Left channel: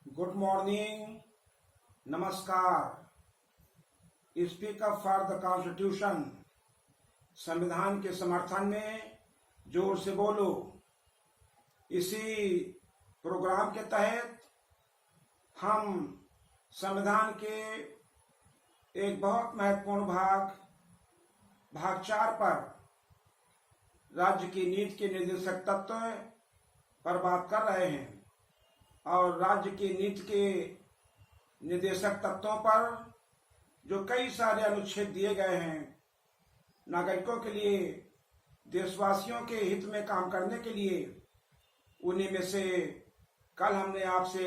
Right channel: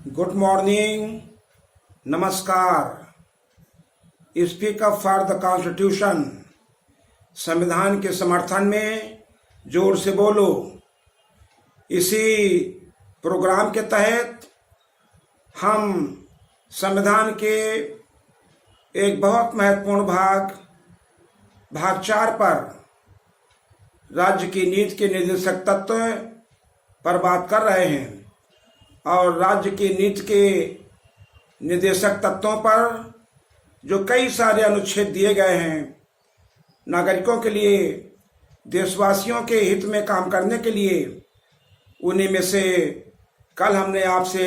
Good morning, नमस्कार। Speak up for the constitution. संविधान के समर्थन में जोर से बोलो। इसी प्रोग्राम के तहत हम संविधान के एक बहुत महत्वपूर्ण भाग 4 पर राज्य की नीति के निर्देशक तत्व पर बात कर रहे हैं और राज्य की नीति के निर्देशक तत्वों पर जो कई सारे अनुच्छेद दिए गए हैं, नागरिकों के लिए, देशवासियों के हित में काम करने के लिए, उन्हीं में से कल हमने आपसे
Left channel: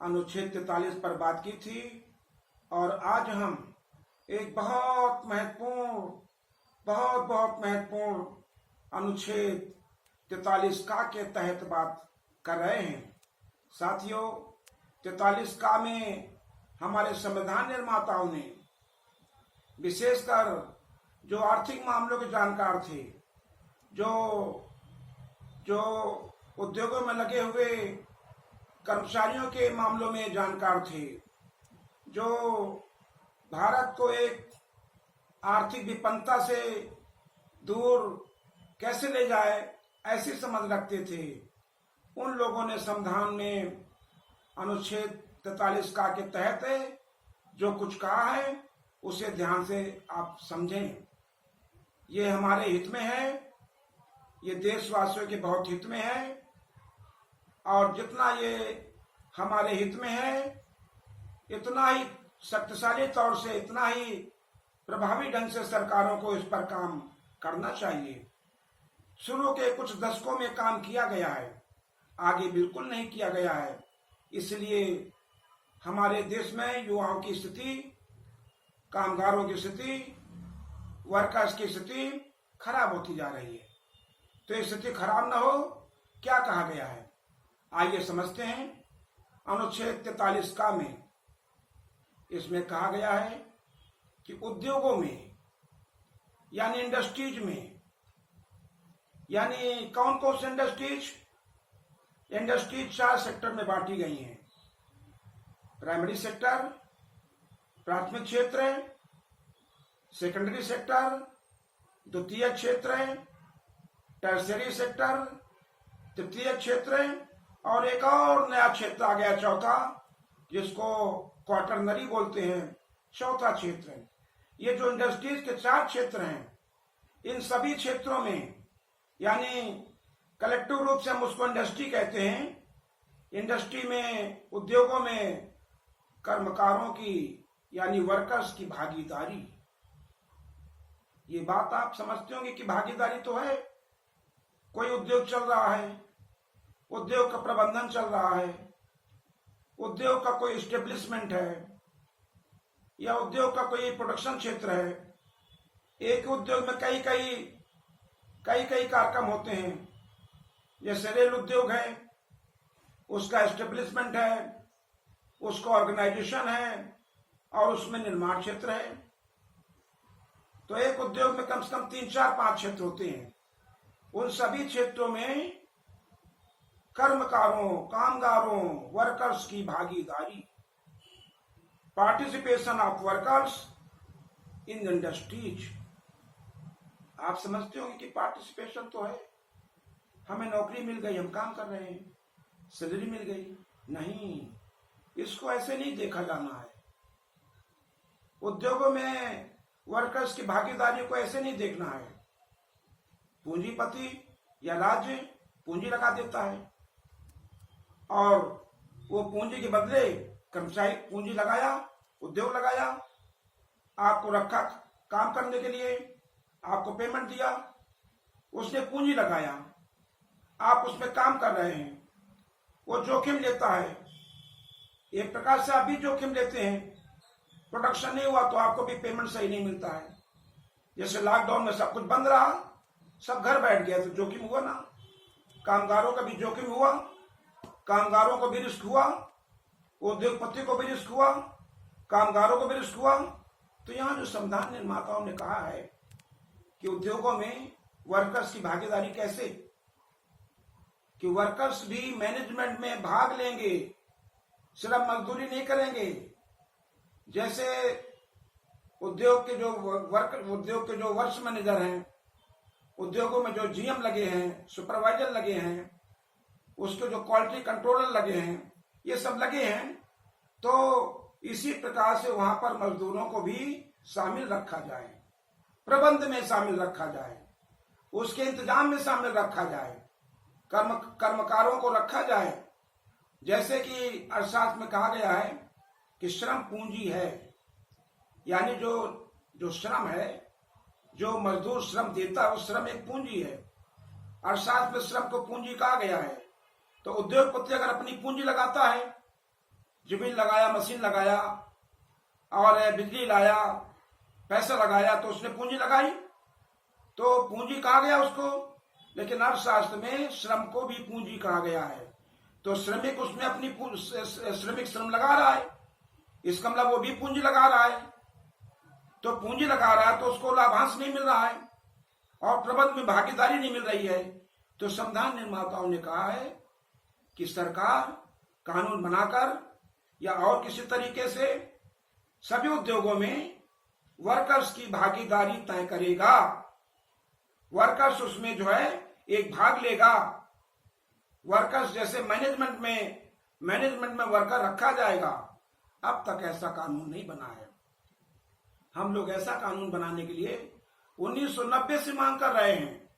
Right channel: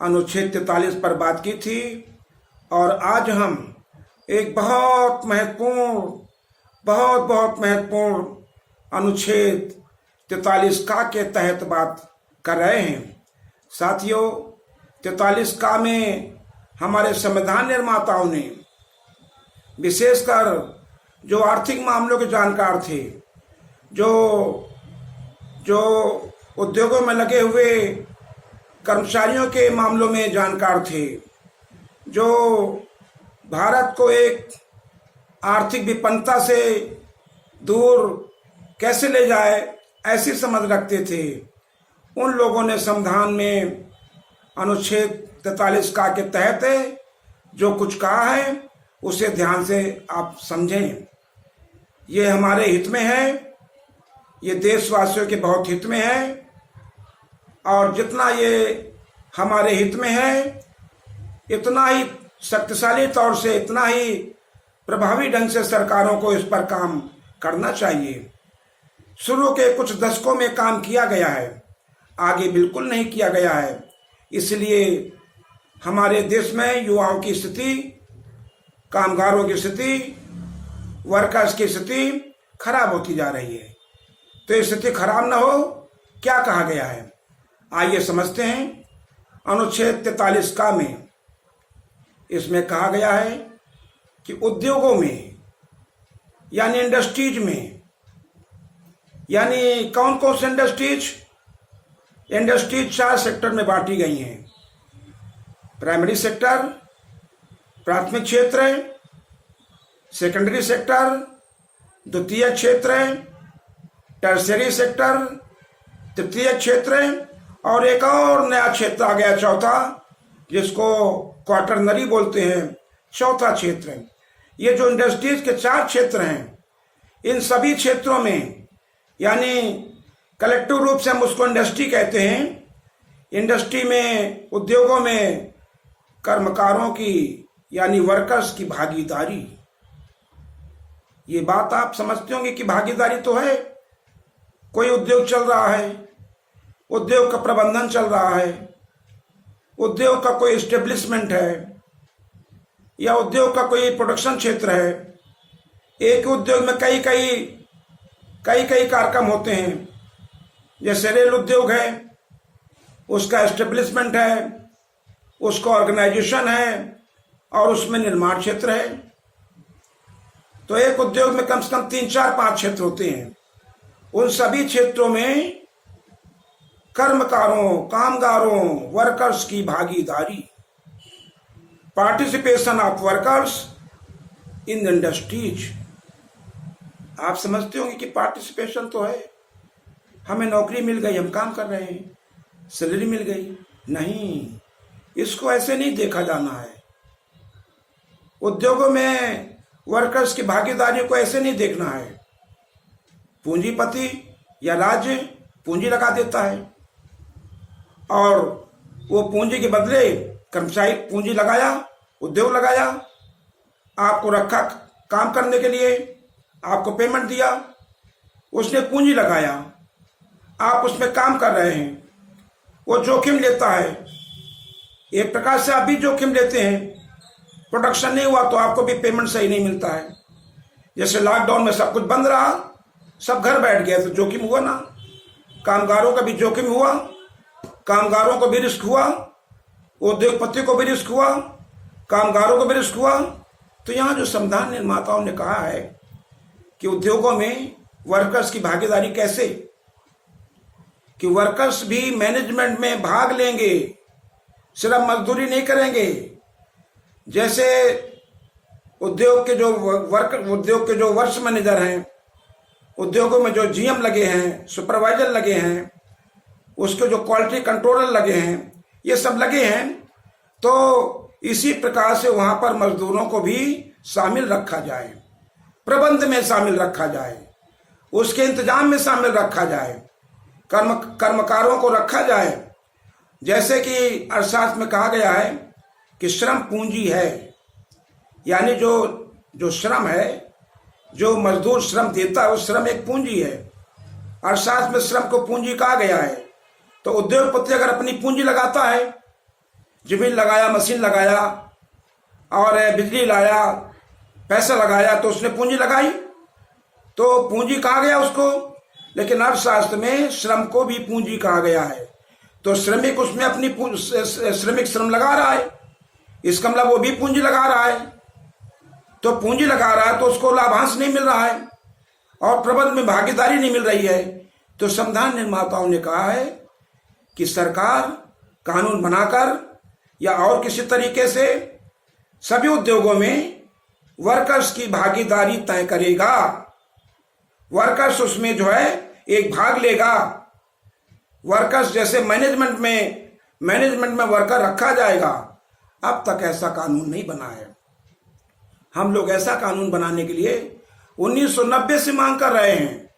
अनुच्छेद 43 पर बात की थी और आज हम एक बहुत महत्वपूर्ण अनुच्छेद 43 का के तहत बात कर रहे हैं। साथियों, 43 का में हमारे संविधान निर्माताओं ने विशेषकर जो आर्थिक मामलों के जानकार थे, जो उद्योगों में लगे हुए कर्मचारियों के मामलों में जानकार थे, जो भारत को एक आर्थिक विपन्नता से दूर कैसे ले जाए ऐसी समझ रखते थे, उन लोगों ने संविधान में अनुच्छेद 43 का के तहत जो कुछ कहा है उसे ध्यान से आप समझें। ये हमारे हित में है, ये देशवासियों के बहुत हित में है और जितना ये हमारे हित में है इतना ही शक्तिशाली तौर से, इतना ही प्रभावी ढंग से सरकारों को इस पर काम करना चाहिए। शुरू के कुछ दशकों में काम किया गया है, आगे बिल्कुल नहीं किया गया है। इसलिए हमारे देश में युवाओं की स्थिति, कामगारों की स्थिति, वर्कर्स की स्थिति खराब होती जा रही है। तो ये स्थिति खराब ना हो, क्या कहा गया है, आइए समझते हैं। अनुच्छेद 43 का में इसमें कहा गया है कि उद्योगों में यानी इंडस्ट्रीज में, यानी कौन कौन से इंडस्ट्रीज 4 सेक्टर में बांटी गई हैं। प्राइमरी सेक्टर, प्राथमिक क्षेत्र, सेकेंडरी सेक्टर, द्वितीय क्षेत्र, टर्सरी सेक्टर, तृतीय क्षेत्र और एक और नया क्षेत्र आ गया चौथा, जिसको क्वार्टरनरी बोलते हैं, चौथा क्षेत्र। ये जो इंडस्ट्रीज के 4 क्षेत्र हैं, इन सभी क्षेत्रों में यानी कलेक्टिव रूप से हम उसको इंडस्ट्री कहते हैं। इंडस्ट्री में, उद्योगों में कर्मकारों की यानी वर्कर्स की भागीदारी, ये बात आप समझते होंगे कि भागीदारी तो है। कोई उद्योग चल रहा है, उद्योग का प्रबंधन चल रहा है, उद्योग का कोई एस्टेब्लिशमेंट है या उद्योग का कोई प्रोडक्शन क्षेत्र है। एक उद्योग में कई कार्यक्रम होते हैं। जैसे रेल उद्योग है, उसका एस्टेब्लिशमेंट है, उसका ऑर्गेनाइजेशन है और उसमें निर्माण क्षेत्र है। तो एक उद्योग में कम से कम 3, 4, 5 क्षेत्र होते हैं। उन सभी क्षेत्रों में कर्मकारों, कामगारों, वर्कर्स की भागीदारी, participation of workers in industries. आप समझते होंगे कि पार्टिसिपेशन तो है, हमें नौकरी मिल गई, हम काम कर रहे हैं, सैलरी मिल गई, नहीं, इसको ऐसे नहीं देखा जाना है। उद्योगों में वर्कर्स की भागीदारी को ऐसे नहीं देखना है। पूंजीपति या राज्य पूंजी लगा देता है और वो पूंजी के बदले कर्मचारी पूंजी लगाया, उद्योग लगाया, आपको रखा काम करने के लिए, आपको पेमेंट दिया, उसने पूंजी लगाया, आप उसमें काम कर रहे हैं, वो जोखिम लेता है। एक प्रकार से आप भी जोखिम लेते हैं। प्रोडक्शन नहीं हुआ तो आपको भी पेमेंट सही नहीं मिलता है। जैसे लॉकडाउन में सब कुछ बंद रहा, सब घर बैठ गए, तो जोखिम हुआ ना। कामगारों का भी जोखिम हुआ, कामगारों को भी रिस्क हुआ, उद्योगपति को भी रिस्क हुआ, कामगारों को भी रिस्क हुआ। तो यहाँ जो संविधान निर्माताओं ने कहा है कि उद्योगों में वर्कर्स की भागीदारी कैसे, कि वर्कर्स भी मैनेजमेंट में भाग लेंगे, सिर्फ मजदूरी नहीं करेंगे, जैसे उद्योग के जो वर्क्स मैनेजर हैं, उद्योगों में जो जीएम लगे हैं, सुपरवाइजर लगे हैं, उसके जो क्वालिटी कंट्रोलर लगे हैं, ये सब लगे हैं, तो इसी प्रकार से वहां पर मजदूरों को भी शामिल रखा जाए, प्रबंध में शामिल रखा जाए, उसके इंतजाम में शामिल रखा जाए, कर्मकारों को रखा जाए। जैसे कि अर्थशास्त्र में कहा गया है कि श्रम पूंजी है, यानी जो श्रम है, जो मजदूर श्रम देता है, वो श्रम एक पूंजी है। अर्थशास्त्र में श्रम को पूंजी कहा गया है। तो उद्योगपति अगर अपनी पूंजी लगाता है, जमीन लगाया, मशीन लगाया और बिजली लाया, पैसा लगाया, तो उसने पूंजी लगाई, तो पूंजी कहा गया उसको। लेकिन अर्थशास्त्र में श्रम को भी पूंजी कहा गया है। तो श्रमिक उसमें अपनी श्रमिक श्रम लगा रहा है, इसका मतलब वो भी पूंजी लगा रहा है। तो पूंजी लगा रहा है तो उसको लाभांश नहीं मिल रहा है और प्रबंध में भागीदारी नहीं मिल रही है। तो संविधान निर्माताओं ने कहा है कि सरकार कानून बनाकर या और किसी तरीके से सभी उद्योगों में वर्कर्स की भागीदारी तय करेगा, वर्कर्स उसमें जो है एक भाग लेगा। वर्कर्स जैसे मैनेजमेंट में वर्कर रखा जाएगा। अब तक ऐसा कानून नहीं बना है। हम लोग ऐसा कानून बनाने के लिए 1990 से मांग कर रहे हैं।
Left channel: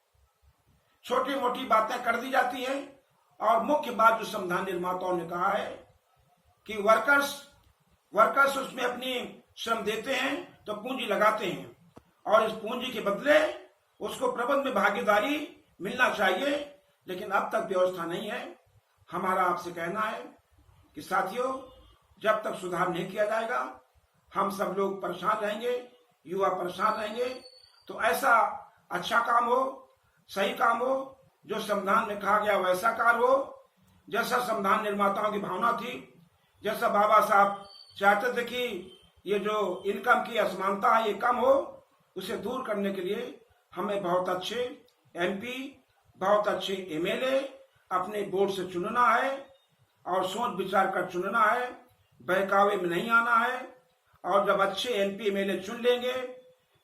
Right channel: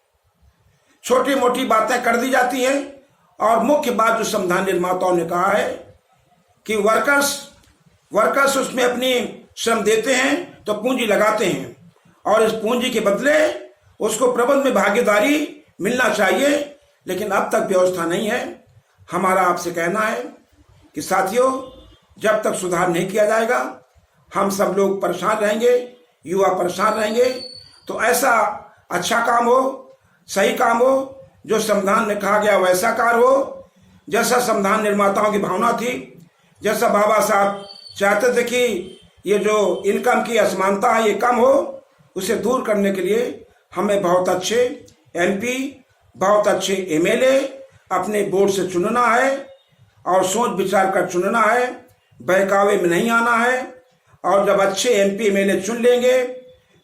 छोटी मोटी बातें कर दी जाती हैं और मुख्य बात जो संविधान निर्माताओं ने कहा है कि वर्कर्स उसमें अपनी श्रम देते हैं तो पूंजी लगाते हैं और इस पूंजी के बदले उसको प्रबंध में भागीदारी मिलना चाहिए। लेकिन अब तक व्यवस्था नहीं है। हमारा आपसे कहना है कि साथियों, जब तक सुधार नहीं किया जाएगा हम सब लोग परेशान रहेंगे, युवा परेशान रहेंगे। तो ऐसा अच्छा काम हो, सही काम हो, जो संविधान में कहा गया वैसा कार्य हो, जैसा संविधान निर्माताओं की भावना थी, जैसा बाबा साहब चाहते थे कि ये जो इनकम की असमानता है ये कम हो, उसे दूर करने के लिए हमें बहुत अच्छे एमपी, बहुत अच्छे एमएलए अपने बोर्ड से चुनना है और सोच विचार कर चुनना है, बहकावे में नहीं आना है। और जब अच्छे एमपी एमएलए चुन लेंगे,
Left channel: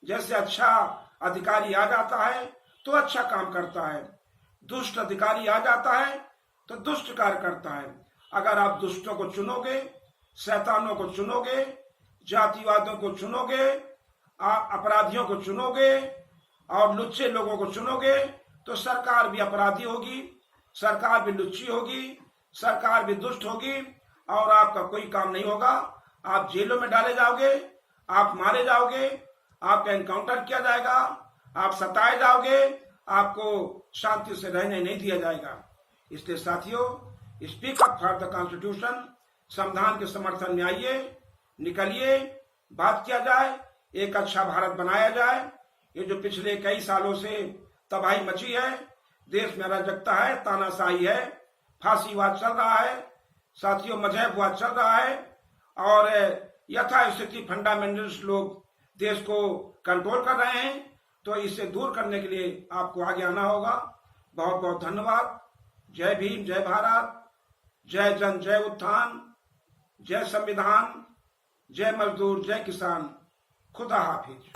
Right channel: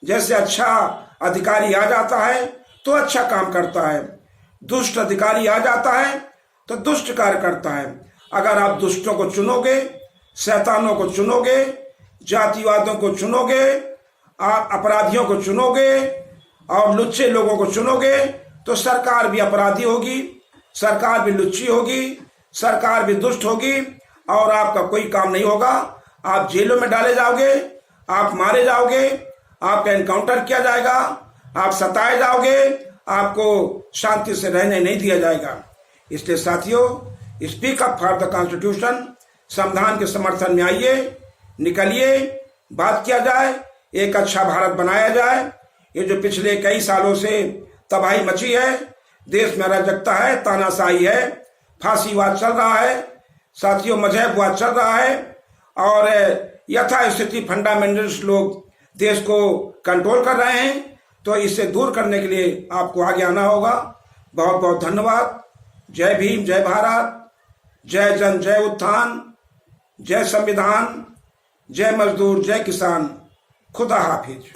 जैसे अच्छा अधिकारी आ जाता है तो अच्छा काम करता है, दुष्ट अधिकारी आ जाता है तो दुष्ट कार्य करता है। अगर आप दुष्टों को चुनोगे, शैतानों को चुनोगे, जातिवादों को चुनोगे, आप अपराधियों को चुनोगे और लुच्चे लोगों को चुनोगे तो सरकार भी अपराधी होगी, सरकार भी लुच्ची होगी, सरकार भी दुष्ट होगी और आपका कोई काम नहीं होगा। आप जेलों में डाले जाओगे, आप मारे जाओगे, आपका एनकाउंटर किया जाएगा, आप सताए जाओगे, आपको शांति से रहने नहीं दिया जाएगा। इसलिए साथियों, speak up for the constitution, संविधान के समर्थन में आइए, निकलिए, बात किया जाए, एक अच्छा भारत बनाया जाए। ये जो पिछले कई सालों से तबाही मची है, देश में अराजकता है, तानाशाही है, फांसीवाद चल रहा है, साथियों मजहबवाद चल रहा है और यथास्थिति फंडामेंटलिस्ट लोग देश को कंट्रोल कर रहे हैं। तो इसे दूर करने के लिए आपको आगे आना होगा। बहुत बहुत धन्यवाद। जय भीम, जय भारत, जय जन, जय उत्थान, जय संविधान, जय मजदूर, जय किसान। खुदा हाफिज।